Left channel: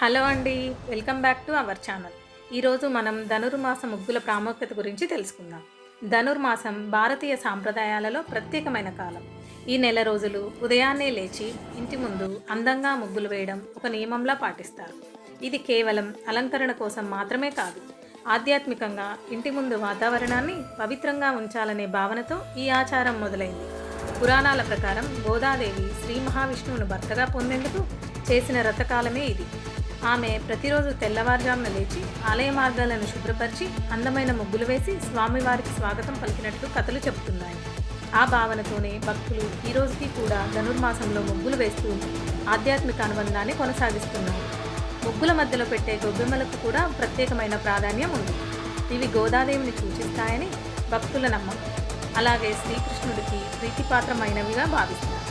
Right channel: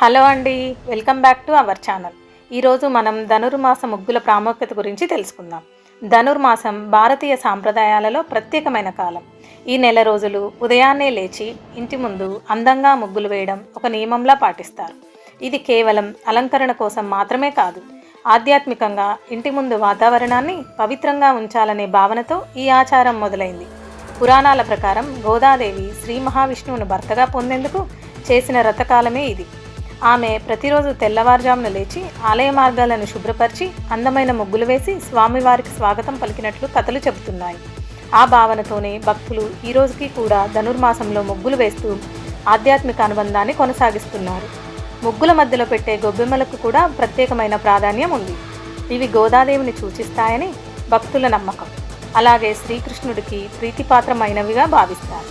Hello అండి. Welcome back to our channel. ఈరోజు మనం ధనుర్మాస ముగ్గుల ప్రాముఖ్యత గురించి తెలుసుకుందాం. ధనుర్మాసం భారతీయ సాంప్రదాయాలలో ప్రత్యేకమైన కాలం. ఈ నెల రోజులు ఉదయాన్నే లేచి ఇంటి ముందు అందంగా ముగ్గులు వేయడం ఒక నియమంలా పాటిస్తారు. ఇది కేవలం అలంకరణ కోసం మాత్రమే కాదు, ఆధ్యాత్మికంగా ఇంటి ముందు వాతావరణాన్ని పవిత్రంగా ఉంచాలనే భావనతో ఈ ఆచారం మొదలైంది. పురాణాల ప్రకారం గోదాదేవి శ్రీ మహావిష్ణువును భర్తగా పొందేందుకు చేసిన వ్రతకాలమే ఇది. ఆమె ప్రతిరోజు తెల్లవారుజామున లేచి ఆలయ మార్గాలను శుభ్రపరిచి అందమైన ముగ్గులు వేసి స్వామివారికి స్వాగతం పలికినట్లు కథలు చెబుతున్నాయి. ఆ భావనతోనే భక్తులు ఈ రోజుకి కూడా ధనుర్మాసంలో ముగ్గులు వేస్తూ ఆధ్యాత్మిక అనుబంధాన్ని కొనసాగిస్తున్నారు. ముగ్గుల మధ్యలో పెట్టే గొబ్బెమ్మలకు కూడా ప్రత్యేకమైన ప్రాధాన్యం ఉంది. ఇవి గోదాదేవిని సూచిస్తాయని భక్తుల నమ్మకం. అలాగే శ్రీకృష్ణుడికి ప్రీతిపాత్రమైనవిగా భావిస్తారు.